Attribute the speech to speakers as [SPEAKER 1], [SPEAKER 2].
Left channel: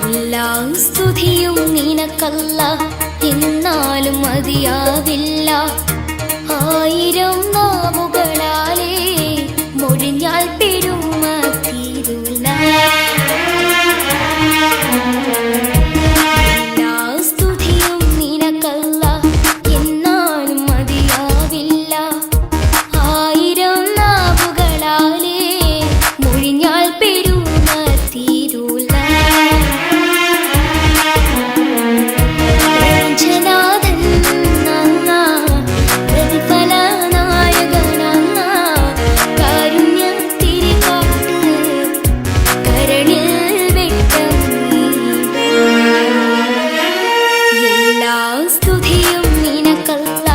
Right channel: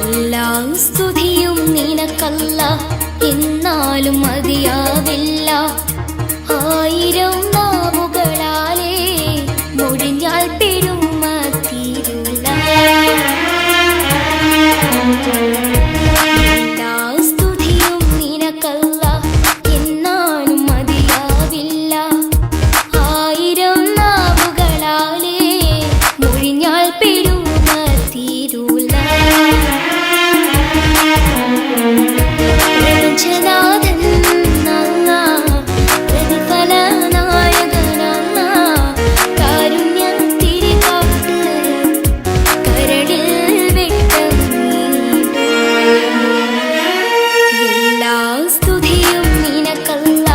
[SPEAKER 1] എല്ലാ സ്തുതിയും നിനക്കല്ല. എന്നാലും മതിയാവില്ല. ആയിരം നാവുകളാലേ മൊഴിഞ്ഞാൽ പെരുമ തീരുല എല്ലാ സ്തുതിയും നിനക്കല്ല. എന്നാലും മതിയാവില്ല. ആയിരം നാവുകളാലേ മൊഴിഞ്ഞാൽ പെരുമ തീരുല പ്രപഞ്ചനാഥൻ പ്രതിഫല പ്രതിഫലനായകനല്ല കാരുണ്യ തിരികാട്ട് കരളിൽ വെട്ടം എല്ലാ സ്തുതിയും നിനക്കല്ല